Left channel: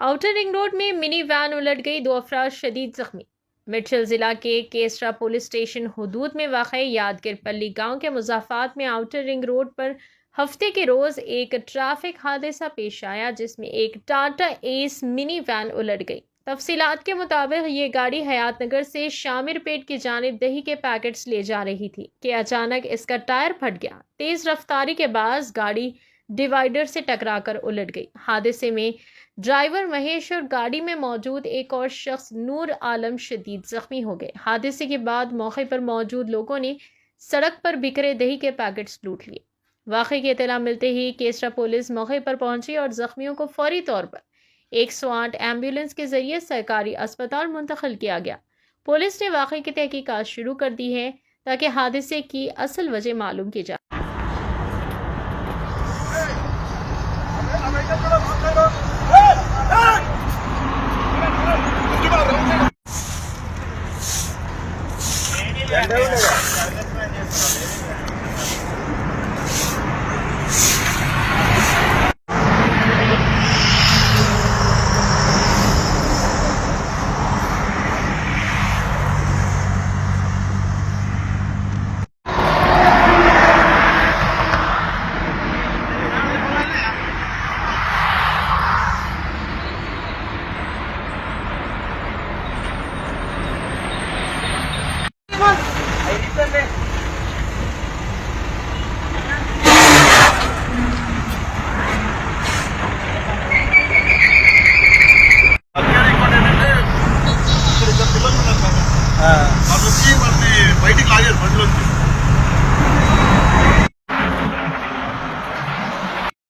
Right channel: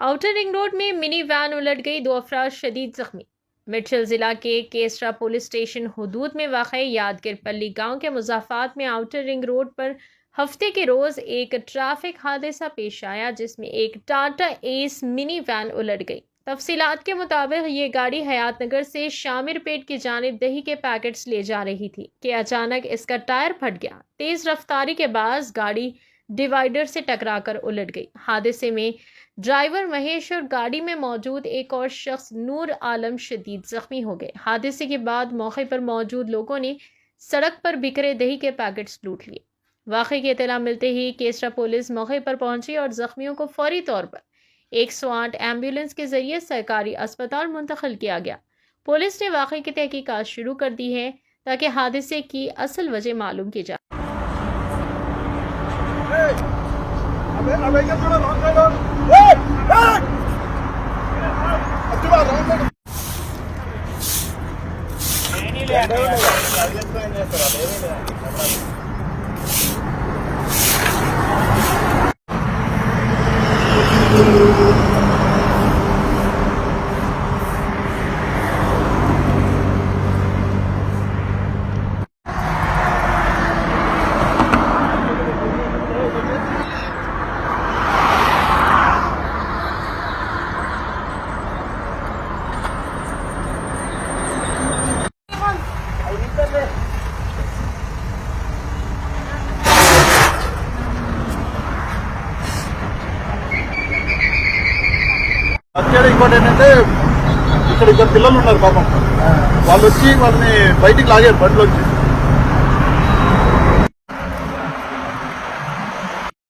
Outer ring road में mini van उलट गई, 2 अफराद शदीद जख्मी। मिर्चल जिला के केसरा पुलिस स्टेशन हुदूद में वाक़ यादगिर पल्ली गांव के मुजाफात में आउटर रिंग रोड पर हफ्ते के रोज एक ट्रैफिक हादसा पेश आया, जिसमें एक टाटा एस मिनी वैन उलट गई। तफसीलात के मुताबिक ये गाड़ी हयात नगर से शामिर पेट की जानिब दही के पैकेट्स ले जा रही थी कि अचानक इसका टायर फट गया। तेज रफ्तारी के बाद गाड़ी डिवाइडर से टकराकर उलट गई। हादसे में ड्राइवर महेश और गाड़ी में मौजूद एक और शख्स नूर आलम शदीद जख्मी हो गए। हादसे के बाद मौके पर मौजूद लोगों ने सड़क पर बिखरे दही के पैकेट्स लूट लिए। वाक़े की इत्तला मिलते ही केसरा पुलिस मौके पर पहुंची और जख्मियों को फौरी तौर पर 108 एम्बुलेंस के जरिए सरकारी अस्पताल मुंतकिल किया गया। पुलिस ने वाक़े की तहकीकात शुरू कर दी है ताकि हादसे की असल वजह मालूम की जाए। అక్కడ ఇంపార్టెంట్ అంటే ఇక్కడ ఇద్దరు పిల్లలు ఉన్నారు పాపం. వాళ్ళు వచ్చి వాళ్ళని బయటికి లాగారు బండిలోకి.